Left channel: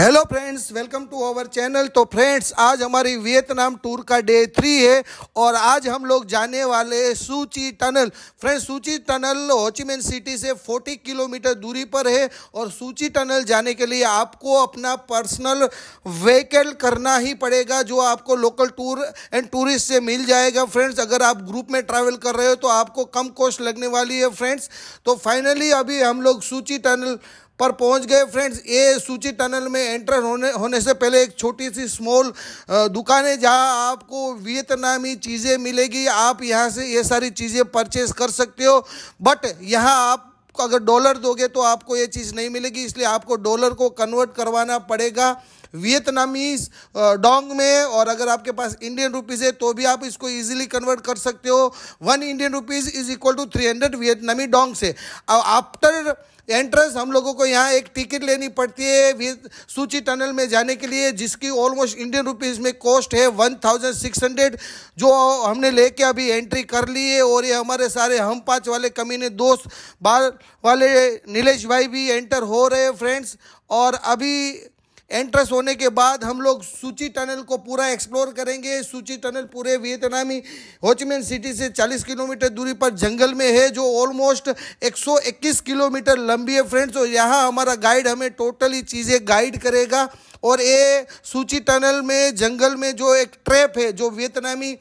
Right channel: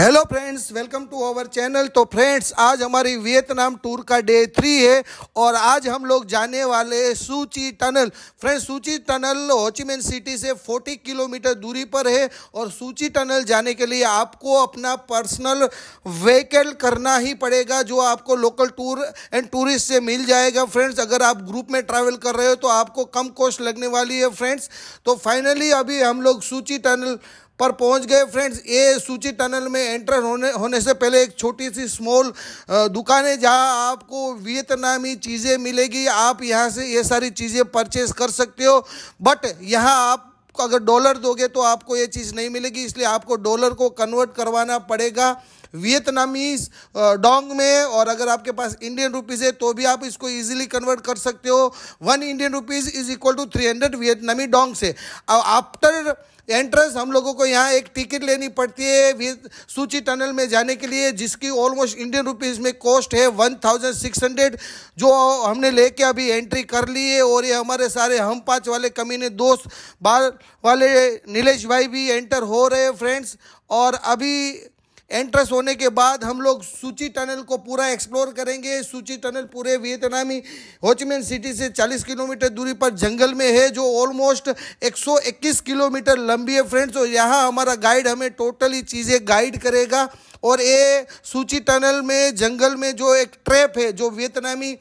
Hello friends, welcome to our channel. तो friends, आज हमारी वियतनाम टूर का डे 3 है और आज हम लोग जाने वाले सू ची टनल। फ्रेंड्स, सू ची टनल हो ची मिन सिटी से 40 किलोमीटर दूरी पर है और सू ची टनल जाने के लिए आपको अपना पर्सनल व्हीकल करना ही पड़ेगा, जो आपको लोकल टूर एंड टूरिस्ट से मिल जाएगा। फ्रेंड्स, अगर आप ग्रुप में ट्रैवल कर रहे हो तो आपको कम कॉस्ट लगने वाली है। फ्रेंड्स, तो फाइनली अभी हम लोग सू ची टनल पर पहुंच गए। फ्रेंड्स, ये सू ची टनल में एंटर होने से पहले एक छोटी सी स्मॉल दुकान है जहां आपको वियतनामी चीज़ें मिलेगी। आप यहां से ये सारी चीज़ें परचेज कर सकते हो, बट यहां आप अगर डॉलर दोगे तो आपको ये चीज़ नहीं मिलेगी, इसलिए आपको डॉलर को कन्वर्ट करवाना पड़ेगा वियतनामीज डोंग में। और अगर आपके पास इंडियन रुपीज़ है तो भी आप इसको इजीली कन्वर्ट कर सकते हो। 1 Indian rupees is equal to 300 वियतनामी डोंग से। आफ्टर एंट्रेंस हम लोगों को यहाँ एक टिकट लेनी पड़ती है सू ची टनल में जाने के लिए, जिसकी ऑलमोस्ट इंडियन रुपीज़ में कॉस्ट है 1600, जो हमने लेके अभी एंट्री कर ली है। और ये हमारे सारे हम 5 वाले कमीने दोस्त बाल वाले नीलेश भाई भी एंटर हो रहे हैं। फ्रेंड्स, और अभी एंट्रेंस होने के बाद हम लोग सू ची टनल को पूरा एक्सप्लोर करेंगे। सू ची टनल पूरे वियतनामी हो ची मिन सिटी से 40 किलोमीटर दूरी पर जंगल में है, जो ऑलमोस्ट 121 किलोमीटर लंबी है। फ्रेंड्स, और यहाँ हमारा गाइड हमें टोटली चीज़ें गाइड करेगा। और ये सू ची टनल में जंगल में जो एक ट्रैप है, जो वियतनामी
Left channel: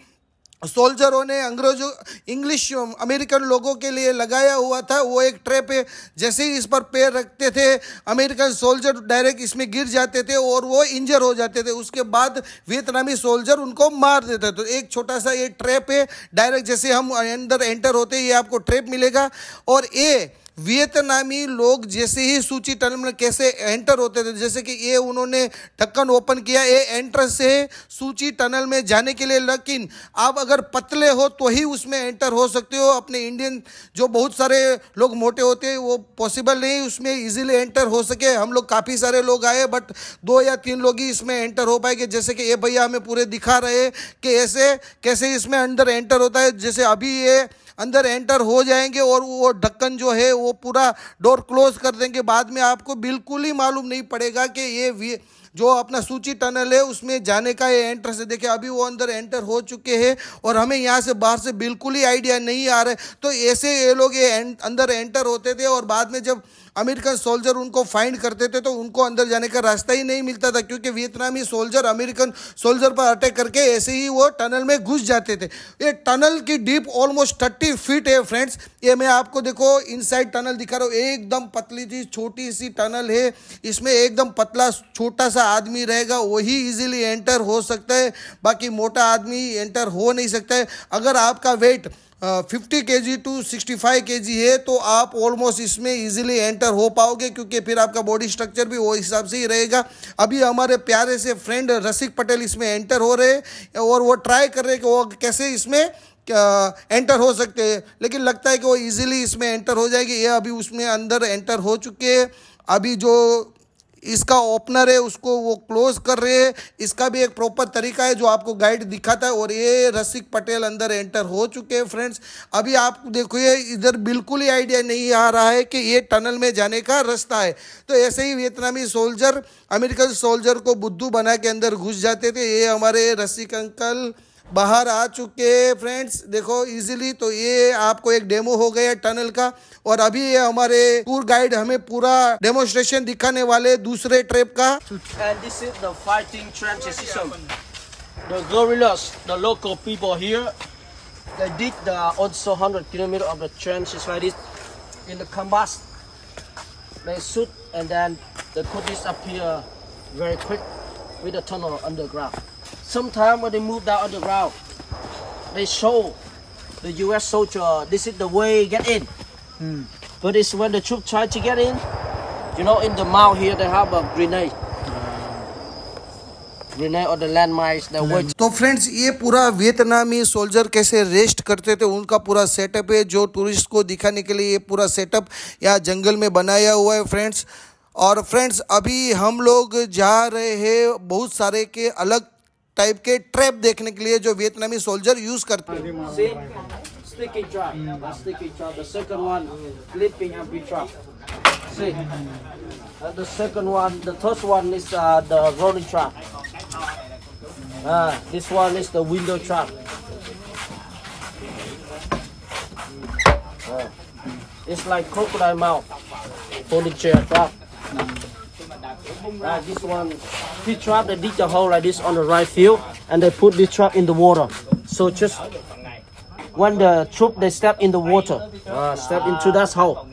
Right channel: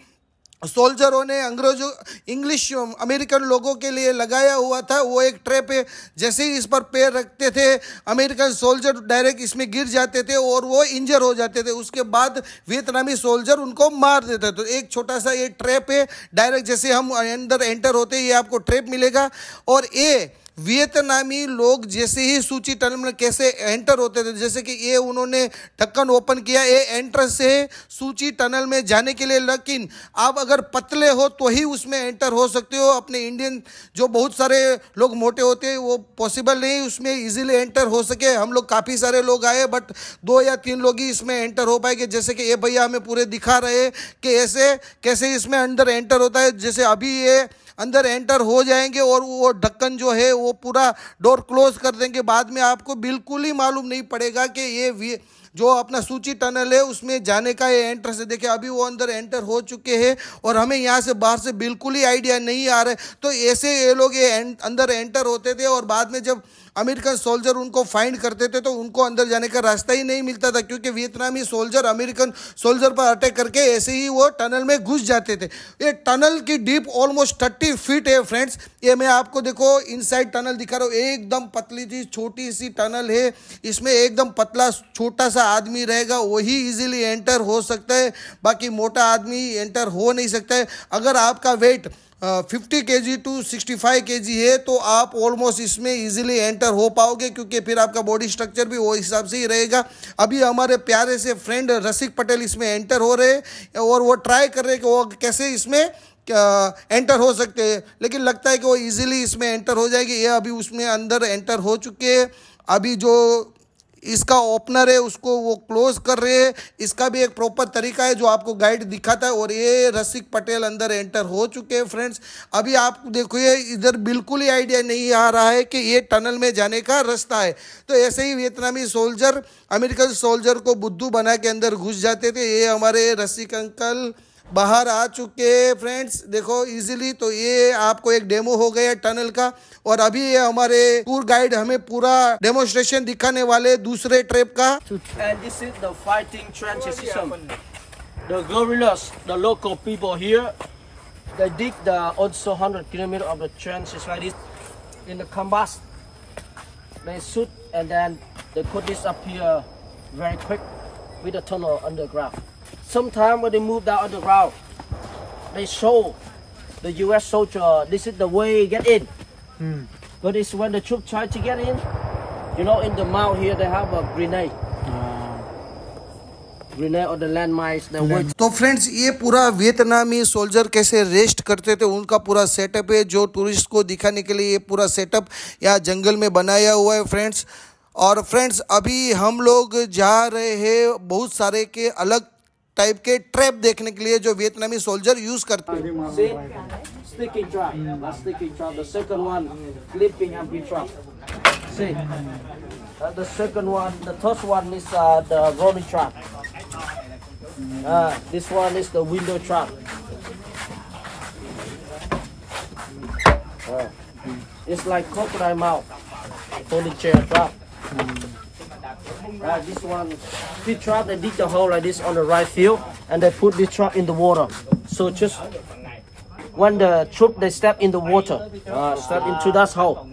सोल्जरों ने अंग्रेजों इंग्लिश अमेरिकन लोगों के लिए लगाया हुआ था, वो एक ट्रैप है। जैसे ही इस पर पैर रखते थे अमेरिकन सोल्जर डायरेक्ट इसमें गिर जाते थे और वो इंजर हो जाते थे। उसके बाद वियतनामी सोल्जर उनको मार देते थे। तो एक छोटा सा ये ट्रैप है, डायरेक्ट जैसे हम अंदर एंटर होते हैं ये आपको ट्रैप मिलेगा। और ये वियतनामी लोग जैसे ही सू ची टनल में कैसे एंटर होते थे, जैसे कि ये उन्होंने ढक्कन ओपन किया, ये एंट्रेंस है सू ची टनल में जाने के लिए। लेकिन आप अगर पतले हो तो ही उसमें एंटर हो सकते हो। अपने इंडियन जो बहुत सारे लोग मोटे होते हैं वो पॉसिबल नहीं उसमें इजीली एंटर हो सके। हम लोग काफ़ी सारे लोग आए, बट 2 या 3 लोग ही इसमें एंटर हो पाएंगे। जैसे कि ये भैया हमें पूरे दिखा रहे हैं कि ऐसे कैसे इसमें अंदर एंटर होता है। जैसे अभी ये अंदर एंटर हो जाएंगे और वो ढक्कन जो है वो पूरा डोर क्लोज कर देंगे। बाद में आपको बिल्कुल ही मालूम नहीं पड़ेगा कि ये जो अपना सू ची टनल है उसमें जाने का ये एंट्रेंस है। देखिए, अभी वो अंदर एंटर हो चुके हैं और हमें यहाँ से बाहर से बिल्कुल ही आइडिया नहीं आ रहा है। तो ऐसे ये लोग ये अंदर एंटर होते थे और बाद में जब अमेरिकन सोल्जर उनको फाइंड करते थे तो उनको अंदर जाने का रास्ता ही नहीं मिलता था, क्योंकि वियतनामी सोल्जर अमेरिकन सोल्जर पर अटैक करके ऐसे ही वो टनल में घुस जाते थे। ये टनल की डीप ऑलमोस्ट 30 फीट है। फ्रेंड्स, ये मैं आपको देखो इनसाइड टनल दिखा रहा हूँ। एकदम पतली सी छोटी सी टनल है, इसमें एकदम पतला छोटा सा आदमी रहेगा, वही इजीली एंटर हो सकता है। बाकी मोटा आदमी एंटर हो नहीं सकता है। अगर आपका वेट 50 kg टू 65 kg है तो आप ऑलमोस्ट इसमें इजीली एंटर हो पाओगे, क्योंकि फिर आपका बॉडी स्ट्रक्चर भी वो हिसाब से ही रहेगा। अभी हमारे प्यारे से फ्रेंड रसिक पटेल इसमें एंटर हो रहे हैं और वो ट्राई कर रहे हैं कि वो कैसे इसमें एंटर हो सकते हैं, लेकिन लगता है कि वो इजीली इसमें एंटर हो जाएगी। ये अभी उसमें अंदर एंटर हो चुके हैं। अभी जो इसका ओपनर है उसको वो क्लोज कर रहे हैं। इसका भी एक प्रॉपर तरीका है जो आपको गाइड दिखाता है। और ये रसिक पटेल अंदर एंटर हो चुके हैं। फ्रेंड्स, अभी आप देखो ये इधर बिल्कुल ही आइडिया नहीं आ रहा है कि ये टनल में जाने का रास्ता है। तो ऐसे ही वियतनामी सोल्जर अमेरिकन सोल्जर को बुद्धू बना के अंदर घुस जाते थे। ये हमारे रसिक अंकल बाहर आ चुके हैं। फ्रेंड्स, देखो इजीली। तो ये आपको एक डेमो हो गया टनल का। और अभी ये हमारे टूर गाइड हमें पूरा डेमोन्स्ट्रेशन दिखाने वाले दूसरे ट्रैप का। And this is the fighting trench system. The guerrillas, the local people here, they dig the also 100 kilometers of the trenches like this in the canvas. They shoot and then they put this up here very quick with the tunnel underground. Sometimes when they move down underground, they show the U.S. soldier this is the way get in. But it's when the troops try to get in, you know, in the mouth here they have a grenade. Grenade or the landmines that work. तो friends, ये पूरा वियतनामी soldier कैसे rest करते थे उनका पूरा setup है, जो टूरिस्ट को दिखाने के लिए ये पूरा सेटअप यहाँ जंगल में बनाया हुआ है। फ्रेंड्स, और फ्रेंड्स अभी हम लोग जा रहे हैं बहुत सारे के अलग टाइप के ट्रैप देखने के लिए जो वियतनामी सोल्जर यूज करते हैं। Sticky trap, that's sticky trap. The second one, clipping and trap. See, The second one, the third one is the rolling trap. This one is the window trap. It's like crocodile mouth for the chair trap. This one, this trap, they dig the hole like this on the right field, and they put this trap in the water. So just when the troop they step in the water, step into that hole,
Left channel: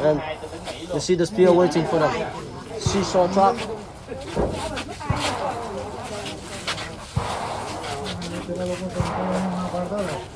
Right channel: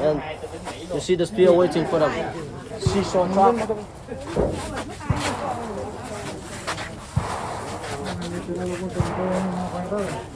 and you see the spear waiting for them. Seesaw trap.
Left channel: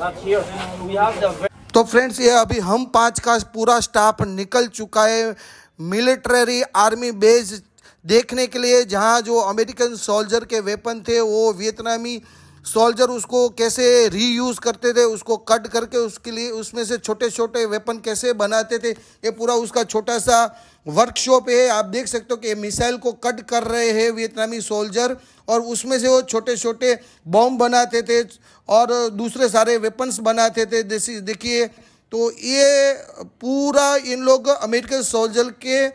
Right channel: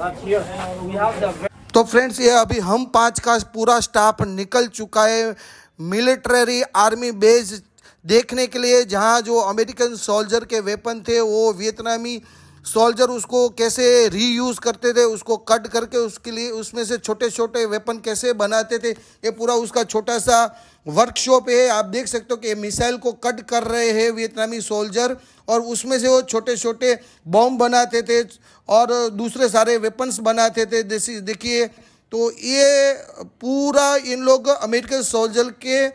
Up here we have the. तो friends ये अभी हम 5 का पूरा staff निकल चुका है military army base देखने के लिए, जहां जो अमेरिकन सोल्जर के वेपन थे वो वियतनामी सोल्जर उसको कैसे रीयूज़ करते थे, उसको कट करके उसके लिए उसमें से छोटे छोटे वेपन कैसे बनाते थे, ये पूरा उसका छोटा सा वर्कशॉप है। आप देख सकते हो कि मिसाइल को कट कर रहे हैं वियतनामी सोल्जर, और उसमें से वो छोटे छोटे बॉम्ब बनाते थे और दूसरे सारे वेपन्स बनाते थे। जैसे देखिए, तो ये पूरा इन लोग अमेरिकन सोल्जर के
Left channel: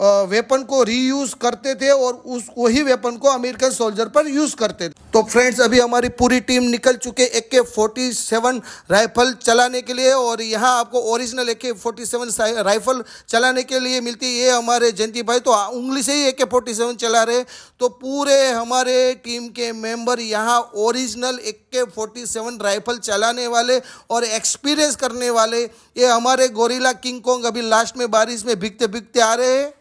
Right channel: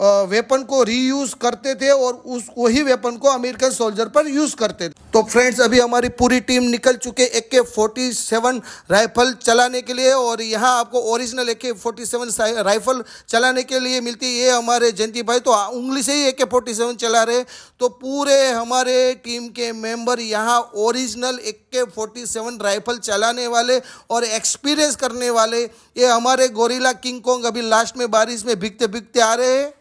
वेपन को रीयूज़ करते थे और उस वही वेपन को अमेरिकन सोल्जर पर यूज़ करते थे। तो फ्रेंड्स अभी हमारी पूरी टीम निकल चुके AK-47 राइफल चलाने के लिए, और यहाँ आपको ओरिजिनल AK-47 राइफल चलाने के लिए मिलती है। ये हमारे जयंती भाई तो उंगली से ही AK-47 चला रहे, तो पूरे हमारे टीम के मेंबर यहाँ ओरिजिनल AK-47 राइफल चलाने वाले और एक्सपीरियंस करने वाले, ये हमारे गोरिल्ला किंग कॉन्ग अभी लास्ट में बारिश में भीगते भीगते आ रहे हैं।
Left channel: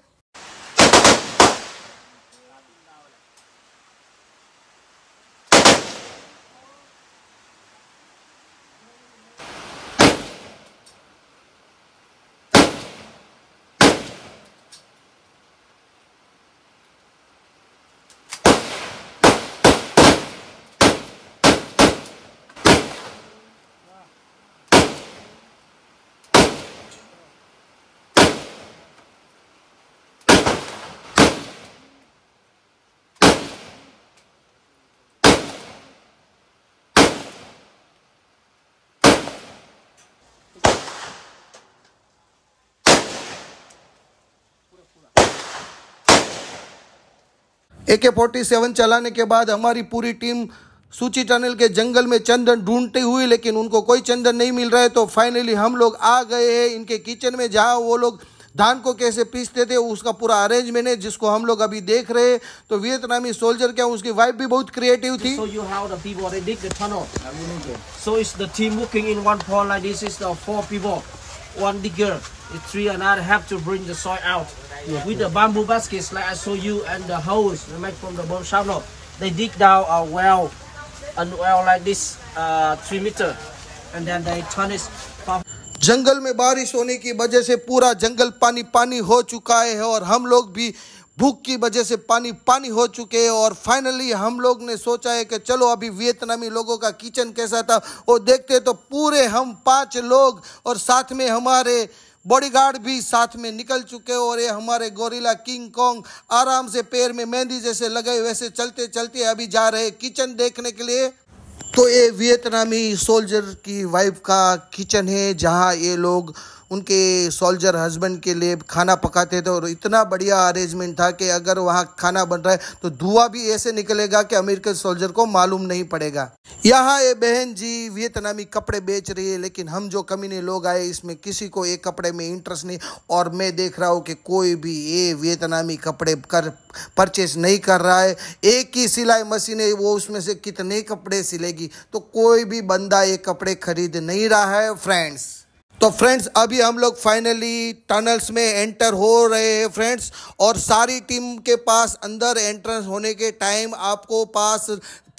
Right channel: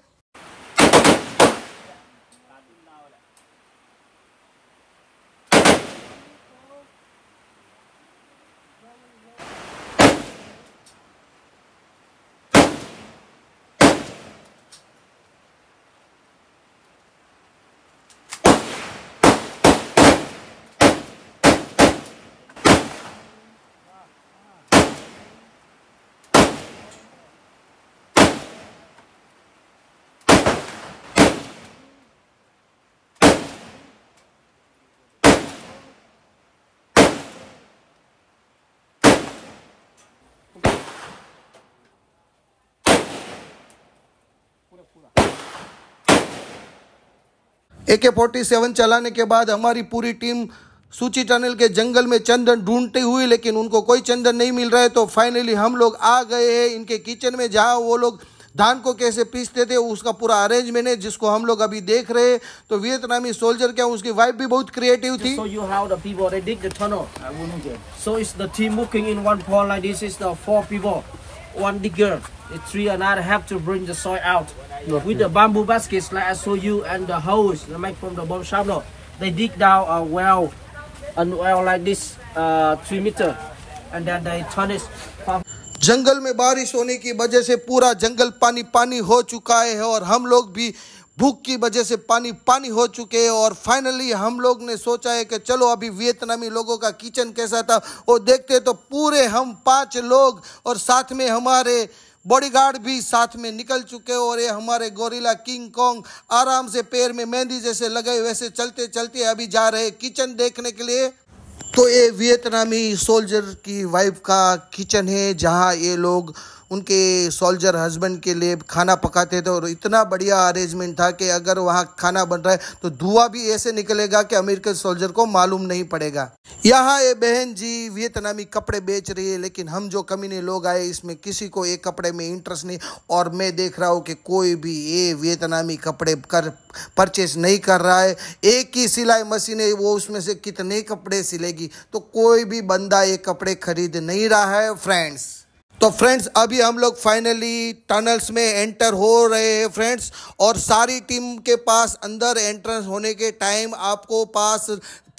AK-47 चलाने के बाद हमारी पूरी टीम सूची टनल के जंगल में चंदन ढूंढते हुए, लेकिन उनको कोई चंदन नहीं मिल रहा है। तो फाइनली हम लोग आ गए हैं इनके किचन में, जहां वो लोग धान को कैसे पीसते थे उसका पूरा अरेंजमेंट है, जिसको हम लोग अभी देख रहे हैं। तो वियतनामी सोल्जर क्या, उसकी वाइफ भी बहुत क्रिएटिव थी। So you how the people they dig the tunnel. So it's the team working in one pond like this. Is the 4 people, 1 digger, 3 another have to bring the soil out. With the bamboo baskets like I show you and the hose they make from the bomb shovel, they dig down a well like this 3 meter, and then they turn it. जंगल में बारिश होने की वजह से पूरा जंगल पानी पानी हो चुका है, और हम लोग भी भूख की वजह से पानी पानी हो चुके हैं। और फाइनली हम लोग ने सोचा है कि चलो अभी वियतनामी लोगों का किचन कैसा था वो देखते। तो पूरे हम 5 लोग और साथ में हमारे बॉडीगार्ड भी साथ में निकल चुके, और ये हमारे गोरिल्ला किंग कॉन्ग आराम से पैर में मेहंदी जैसे लगे वैसे चलते चलते अभी जा रहे किचन देखने के लिए। तो ये वियतनामी सोल्जर की वाइफ का किचन है, जहाँ ये लोग उनके सोल्जर हस्बैंड के लिए खाना पकाते थे, और इतना बढ़िया अरेंजमेंट था कि अगर वहाँ खाना बन रहा है तो धुआं भी ऐसे निकलेगा कि अमेरिकन सोल्जर को मालूम नहीं पड़ेगा। यहाँ ये बहन जी वियतनामी कपड़े बेच रही है, लेकिन हम जो कमीने लोग आए इसमें किसी को एक कपड़े में इंटरेस्ट नहीं, और मैं देख रहा हूँ कि कोई भी ये वियतनामी कपड़े परचेस नहीं कर रहा है। एक ही सिलाई मशीन है, वो उसमें से कितने कपड़े सिलेगी, तो कोई भी बंदा ये कपड़े खरीद नहीं रहा है फ्रेंड्स। तो फ्रेंड्स अभी हम लोग फाइनली टनल्स में एंटर हो रहे हैं फ्रेंड्स, और सारी टीम के पास अंदर एंट्रेंस होने के टाइम आपको पास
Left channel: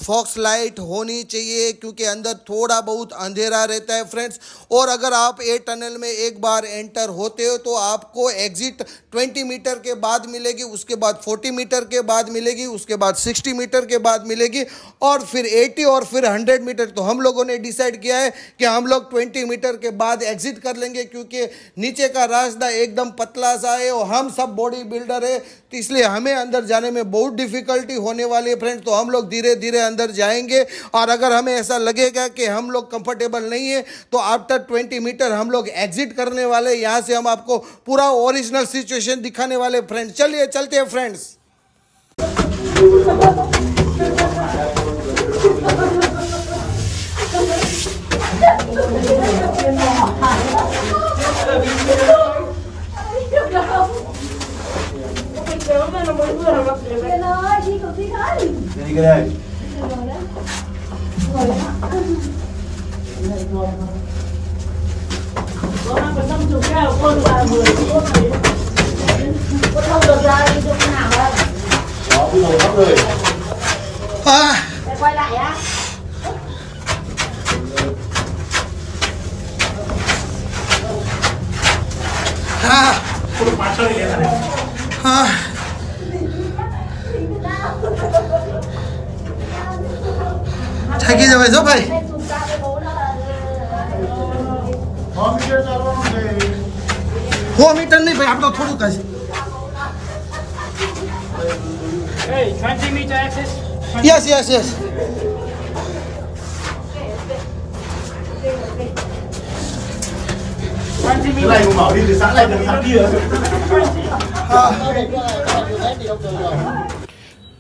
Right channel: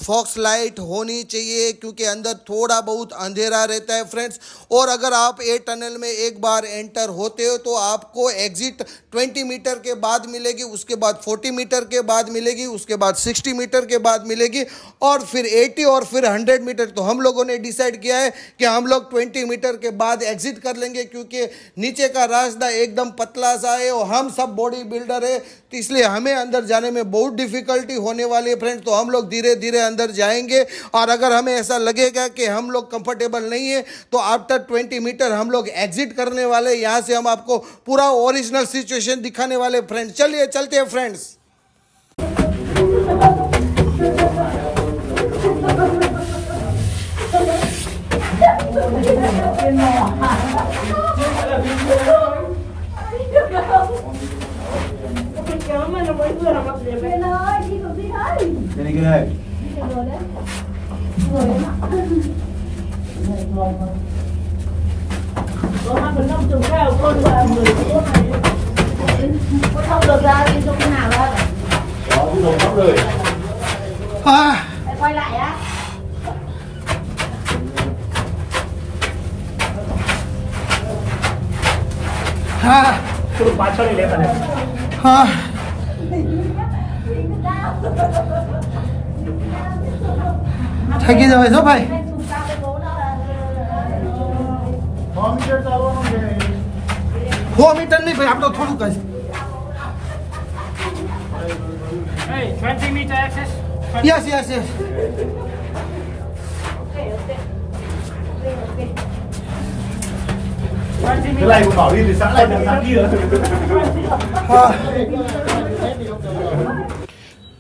फॉक्स लाइट होनी चाहिए, क्योंकि अंदर थोड़ा बहुत अंधेरा रहता है फ्रेंड्स। और अगर आप ए टनल में एक बार एंटर होते हो तो आपको एग्जिट 20 मीटर के बाद मिलेगी, उसके बाद 40 मीटर के बाद मिलेगी, उसके बाद 60 मीटर के बाद मिलेगी, और फिर 80 और फिर 100 मीटर। तो हम लोगों ने डिसाइड किया है कि हम लोग 20 मीटर के बाद एग्जिट कर लेंगे, क्योंकि नीचे का रास्ता एकदम पतला सा है और हम सब बॉडी बिल्डर है, तो इसलिए हमें अंदर जाने में बहुत डिफिकल्टी होने वाली है फ्रेंड्स। तो हम लोग धीरे धीरे अंदर जाएंगे। और अगर हमें ऐसा लगेगा कि हम लोग कंफर्टेबल नहीं है तो आफ्टर 20 मीटर हम लोग एग्जिट करने वाले। यहाँ से हम आपको पूरा ओरिजिनल सिचुएशन दिखाने वाले फ्रेंड्स। चलिए चलते हैं फ्रेंड्स। Quay lại á. थकी जाओ भाई। हो मीटर नहीं भाई, आप तो थोड़ू का Hey, 20 meter access. Yes yes yes. Lại cũng bảo đi từ sáng nay đến sáng kia.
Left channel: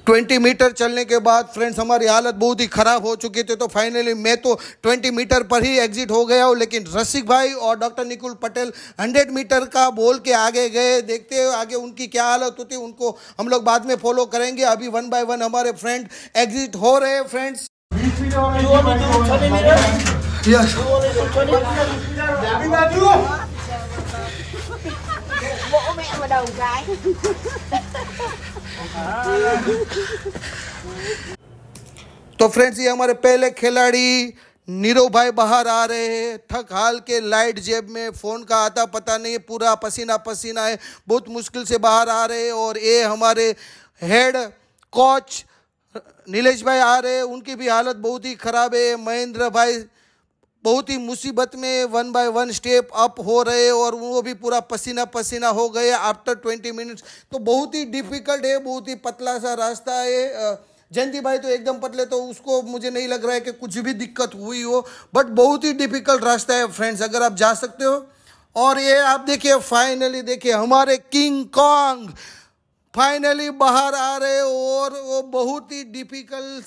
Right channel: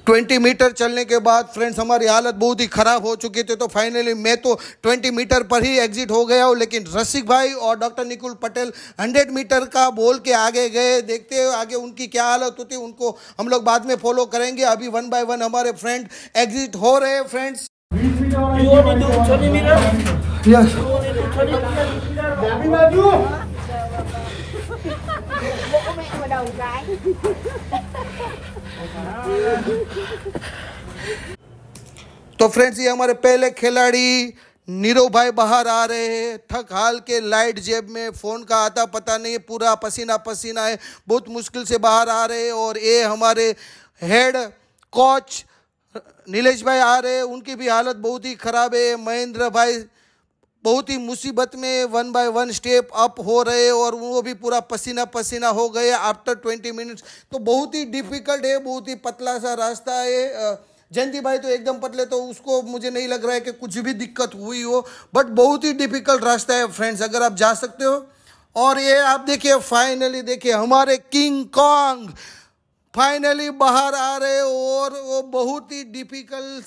20 metre चलने के बाद फ्रेंड्स हमारी हालत बहुत ही ख़राब हो चुकी थी। तो फाइनली मैं तो 20 मीटर पर ही एग्जिट हो गया हूँ, लेकिन रसिक भाई और डॉक्टर निकुल पटेल 100 मीटर का बोल के आगे गए। देखते हैं आगे उनकी क्या हालत होती है, उनको हम लोग बाद में फॉलो करेंगे। अभी 1 बाय 1 हमारे फ्रेंड एग्जिट हो रहे हैं फ्रेंड्स। यस तो फ्रेंड्स ये हमारे पहले खिलाड़ी नीरव भाई बाहर आ रहे हैं, थक हाल के, लाइट जेब में, फ़ोन का आता पता नहीं, पूरा पसीना पसीना है, बहुत मुश्किल से बाहर आ रहे हैं। और ये हमारे हेड कोच नीलेश भाई आ रहे हैं, उनकी भी हालत बहुत ही ख़राब है। महेंद्र भाई बहुत ही मुसीबत में 1 बाय 1 स्टेप अप हो रहे और वो भी पूरा पसीना पसीना हो गए आफ्टर 20 मिनट्स। तो बहुत ही डिफ़िकल्ट है, बहुत ही पतला सा रास्ता है। जयंती भाई तो एकदम पतले, तो उसको मुझे नहीं लग रहा है कि कुछ भी दिक्कत हुई हो, बट बहुत ही डिफ़िकल्ट रास्ता है फ्रेंड्स, अगर आप जा सकते हो। और ये आप देखिए, फाइनली देखिए हमारे किंग कॉन्ग फाइनली बाहर आ रहे और वो बहुत ही डिफ़िकल्ट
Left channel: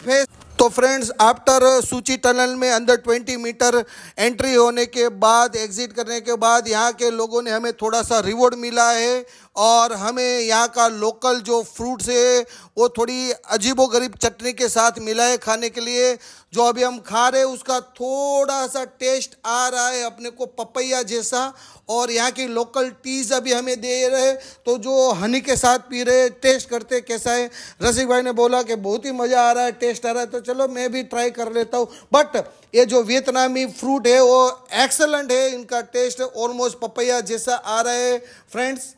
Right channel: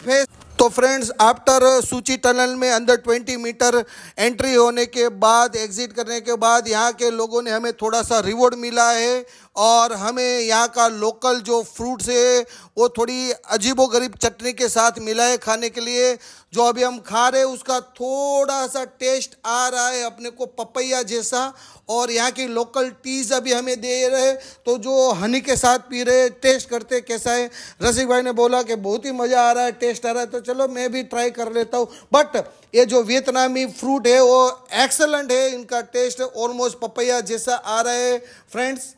फेस। तो फ्रेंड्स आफ्टर सूची टनल में अंदर 20 मीटर एंट्री होने के बाद, एग्जिट करने के बाद, यहाँ के लोगों ने हमें थोड़ा सा रिवॉर्ड मिला है। और हमें यहाँ का लोकल जो फ्रूट्स है वो थोड़ी अजीबोगरीब चटनी के साथ मिला है खाने के लिए। जो अभी हम खा रहे हैं उसका थोड़ा सा टेस्ट आ रहा है अपने को पपैया जैसा। और यहाँ की लोकल टीज अभी हमें दे रहे, तो जो हनी के साथ पी रहे, टेस्ट करते कैसा है। रसिक भाई ने बोला कि बहुत ही मज़ा आ रहा है, टेस्ट आ रहा है, तो चलो मैं भी ट्राई कर लेता हूँ। बट ये जो वियतनामी फ्रूट है वो एक्सेलेंट है, इनका टेस्ट ऑलमोस्ट पपैया जैसा आ रहा है फ्रेंड्स।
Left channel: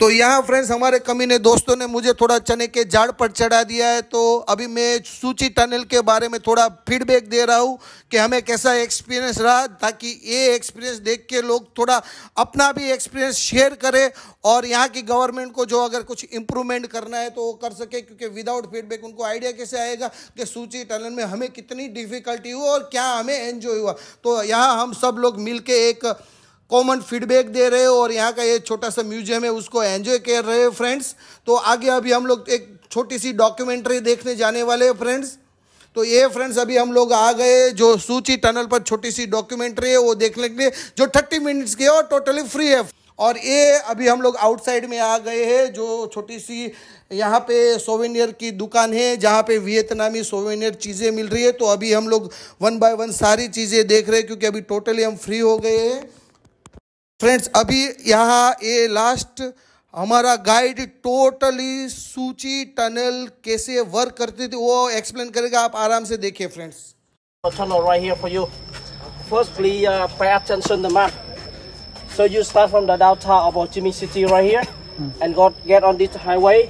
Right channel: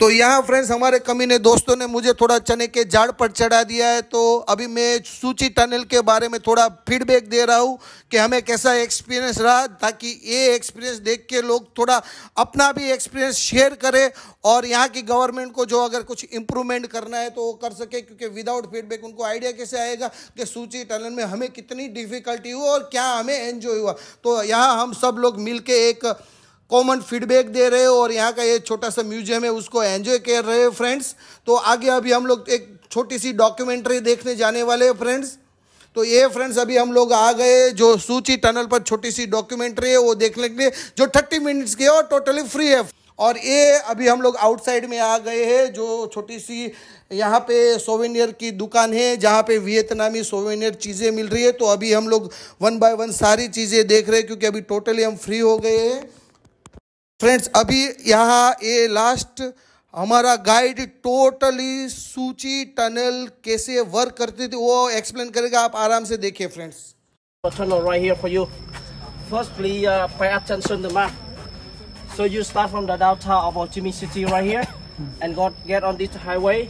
तो यहाँ फ्रेंड्स हमारे कमीने दोस्तों ने मुझे थोड़ा चने के झाड़ पर चढ़ा दिया है। तो अभी मैं सूची टनल के बारे में थोड़ा फीडबैक दे रहा हूँ कि हमें कैसा एक्सपीरियंस रहा, ताकि ये एक्सपीरियंस देख के लोग थोड़ा अपना भी एक्सपीरियंस शेयर करें और यहाँ की गवर्नमेंट को जो अगर कुछ इम्प्रूवमेंट करना है तो वो कर सके। क्योंकि विदाउट फीडबैक उनको आइडिया कैसे आएगा कि सूची टनल में हमें कितनी डिफ़िकल्टी हुई और क्या हमें एंजॉय हुआ। तो यहाँ हम सब लोग मिल के एक कॉमन फीडबैक दे रहे हो और यहाँ का ये छोटा सा म्यूजियम है उसको एंजॉय कर रहे हैं फ्रेंड्स। तो आगे अभी हम लोग एक छोटी सी डॉक्यूमेंट्री देखने जाने वाले हैं फ्रेंड्स। तो ये फ्रेंड्स अभी हम लोग आ गए, जो सूची टनल पर छोटी सी डॉक्यूमेंट्री है वो देखने के लिए, जो 30 मिनट्स की है और टोटली फ्री है। और ये अभी हम लोग आउटसाइड में आ गए हैं, जो छोटी सी यहाँ पे सोवेनियर की दुकान है जहाँ पे वियतनामी सोवेनियर चीज़ें मिल रही है। तो अभी हम लोग 1 बाय 1 सारी चीज़ें देख रहे हैं क्योंकि अभी टोटली हम फ्री हो गए हैं फ्रेंड्स। अभी यहाँ ये लास्ट हमारा गाइड टोटली सूची टनल कैसे वर्क करती थी वो एक्सप्लेन करेगा, आप आराम से देखिए friends. Tunnel right here for you. Firstly, pay attention to the map. So you start from the downtown of Ho Chi Minh City right here, and get on this highway,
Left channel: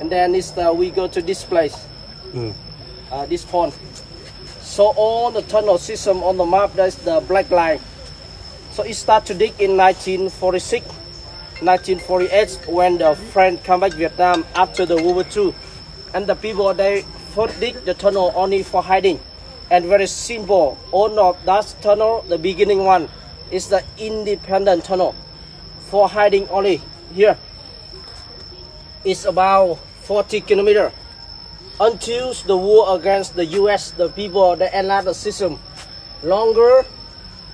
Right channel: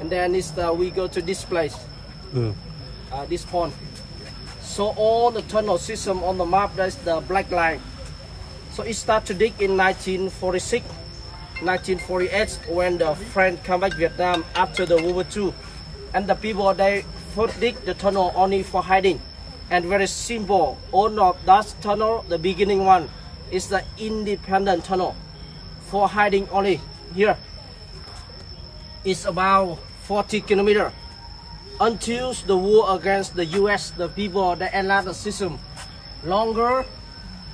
and then we go to this place, this pond. So all the tunnel system on the map, that's the black line. So it started to dig in 1946, 1948 when the French come back Vietnam after the World War II, and the people they first dig the tunnel only for hiding, and very simple. All of that tunnel, the beginning one, is the independent tunnel for hiding only. Here, it's about 40 kilometers. Until the war against the US, the people they enlarged the system longer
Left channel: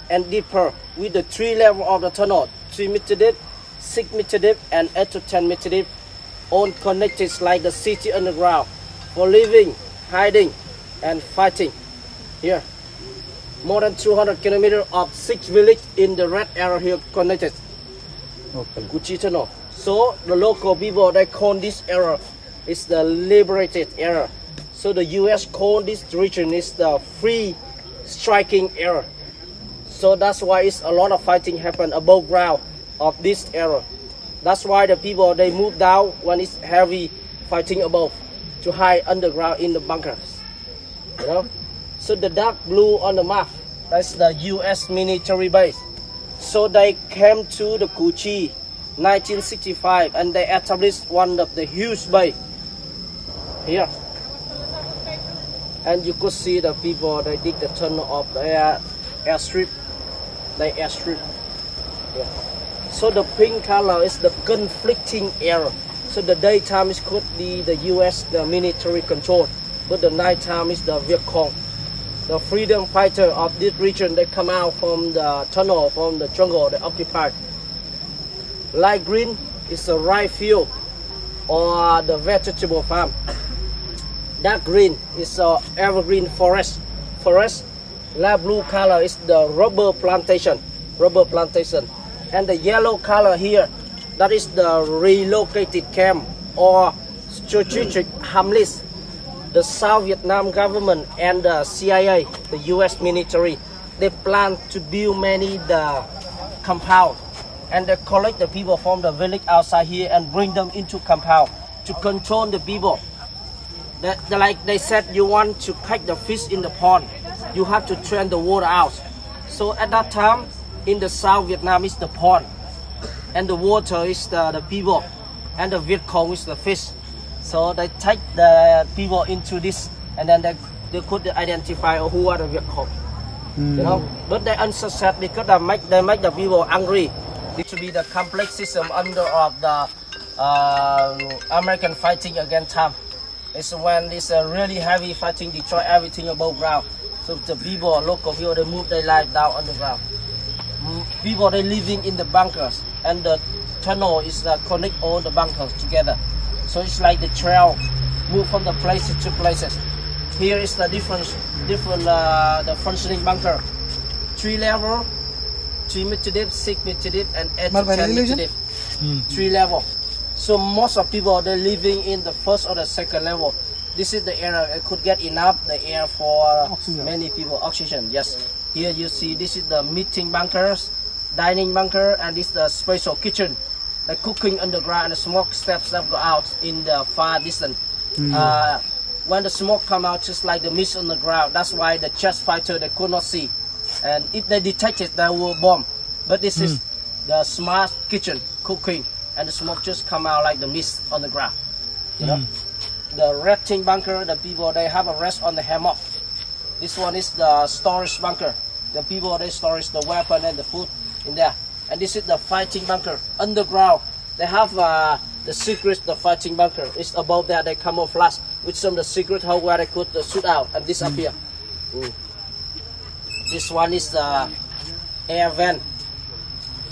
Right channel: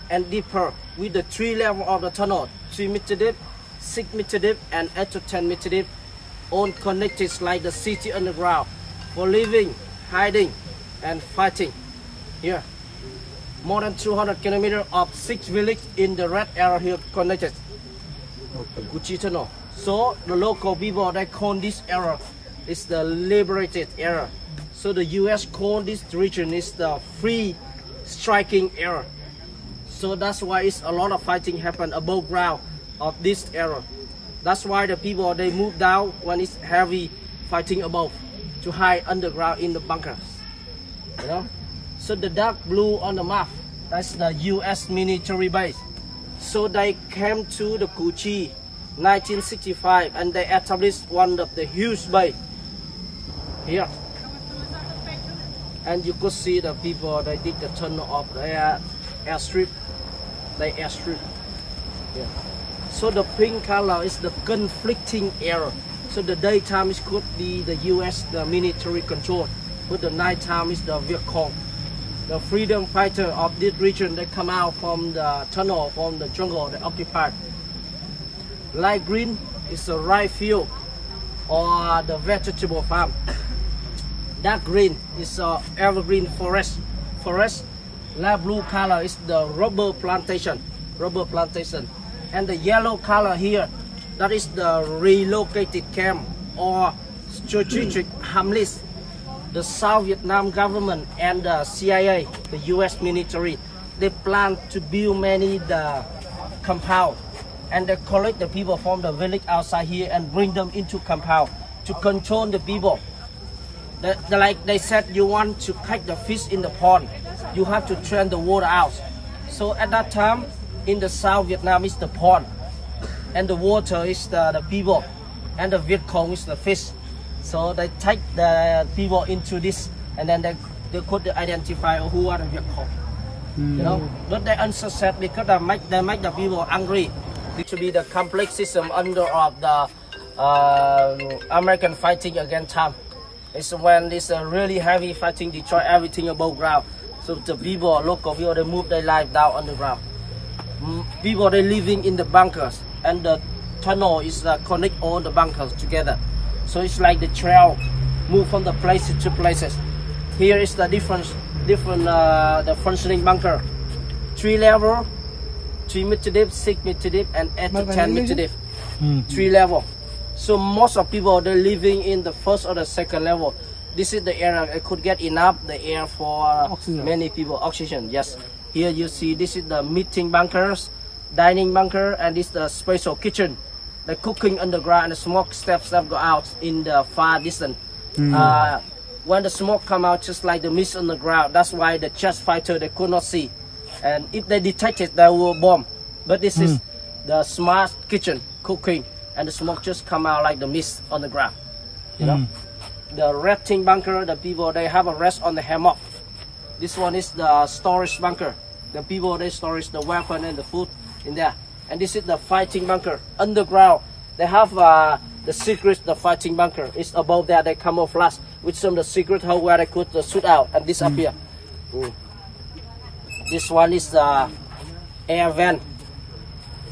and deeper with the 3 levels of the tunnel: 3 meter deep, 6 meter deep, and 8 to 10 meter deep, all connected like the city underground for living, hiding, and fighting. Here, more than 200 kilometers of 6 villages in the red area here connected. The Cu Chi tunnel. So the local people they call this area is the liberated area. So the US call this region is the free striking area. So that's why it's a lot of fighting happen above ground of this area. That's why the people they move down when it's heavy fighting above to hide underground in the bunkers. You know. So the dark blue on the map, that's the US military base. So they came to the Cu Chi 1965 and they established one of the huge base here. And you could see the people they dig the tunnel of the airstrip. The airstrip. Yeah. So the pink color is the conflicting area. So the daytime is could be the US the military control, but the nighttime is the Viet Cong, the freedom fighter of this region. They come out from the tunnel, from the jungle they occupied. Light green is the rice field or the vegetable farm. Dark green is evergreen forest. Light blue color is the rubber plantation. And the yellow color here, that is the relocated camp or strategic hamlets. The South Vietnam government and the CIA, the US military, they plan to build many the compound, and they collect the people from the village outside here and bring them into compound to control the people. Like they said, you want to catch the fish in the pond, you have to turn the water out. So at that time, in the South Vietnam is the pond, and the water is the people, and the Viet Cong is the fish. So they take the people into this, and then they could identify who are the Viet Cong. You know, but they unsuccessful because they make the people angry. It to be the complex system under of the American fighting against time. It's when this really heavy fighting destroy everything above ground. So the people, local people, they move their life down underground. People they living in the bunkers, and the tunnel is connect all the bunkers together. So it's like the trail move from the places to places. Here is the different the functioning bunker. 3 level, 3 meter deep, 6 meter deep, and 8 to 10 meter deep. 3 level. So most of people they're living in the first or the second level. This is the area that could get enough the air for many people. Oxygen, yes. Here you see this is the meeting bunkers, dining bunker, and this is the special kitchen. The cooking underground and the smoke steps that go out in the far distance. When the smoke come out, just like the mist on the ground, that's why the chest fighter they could not see. And if they detect it, they will bomb. But this is the smart kitchen cooking, and the smoke just come out like the mist on the ground. You know, the resting bunker, the people they have a rest on the hammock. This one is the storage bunker. The people they storage the weapon and the food in there. And this is the fighting bunker underground. They have the secret, the fighting bunker is above there. They camouflage with some of the secret hole where they could shoot out and disappear. This one is the air vent.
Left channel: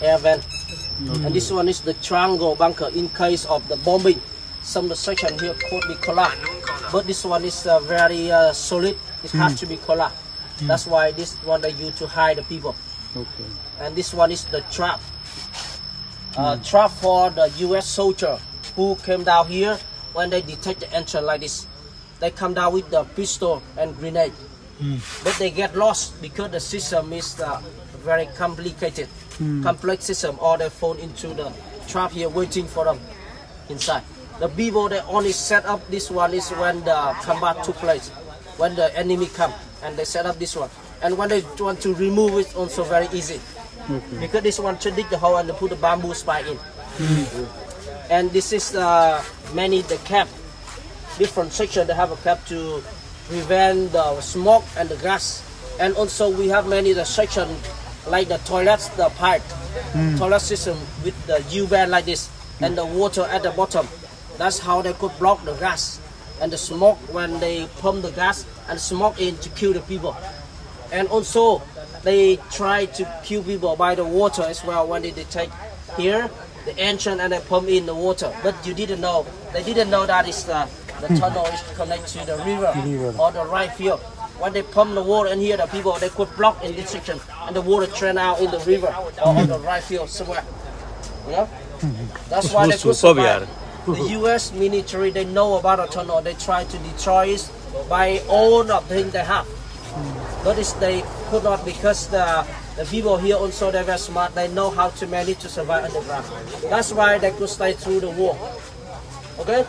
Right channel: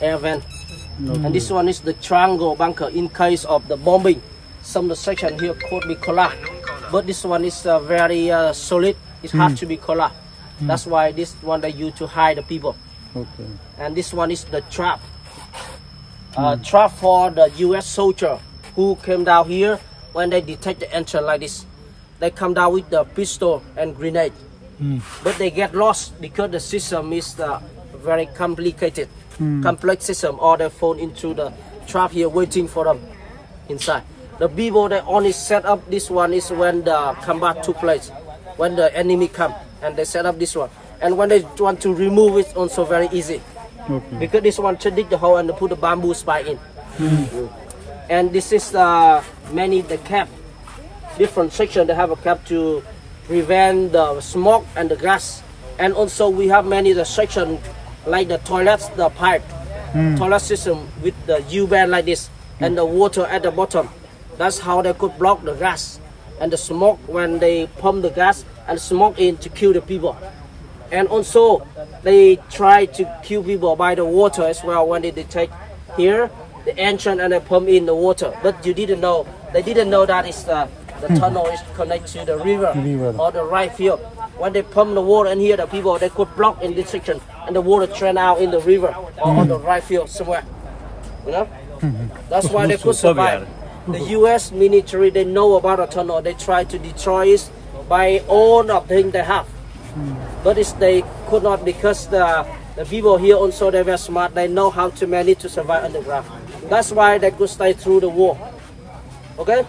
And this one is the triangle bunker in case of the bombing. Some of the section here could be collapsed, but this one is very solid. It has to be collapsed. That's why this one they use to hide the people. And this one is the trap. Trap for the US soldier who came down here when they detect the entrance like this. They come down with the pistol and grenade. But they get lost because the system is very complicated, complex system, or they fall into the trap here waiting for them inside. The people that only set up this one is when the combat took place, when the enemy come and they set up this one. And when they want to remove it, also very easy. Because this one to dig the hole and to put the bamboo spike in. And this is the camp. different section. They have a cap to prevent the smoke and the gas. And also we have many the section like the toilets, the pipe, toilet system with the U-bend like this, and the water at the bottom. That's how they could block the gas and the smoke when they pump the gas and smoke in to kill the people. And also they try to kill people by the water as well when they take here the entrance and they pump in the water. But you didn't know, they didn't know that is the tunnel is connected to the river or the right field. When they pump the water in here, the people they could block in this section and the water drain out in the river or in the right field somewhere. You know? That's why they could survive. The US military, they know about a tunnel. They try to destroy it by all the things they have. But they could not because the people here also they were smart. They know how to manage to survive underground. That's why they could stay through the war. Okay?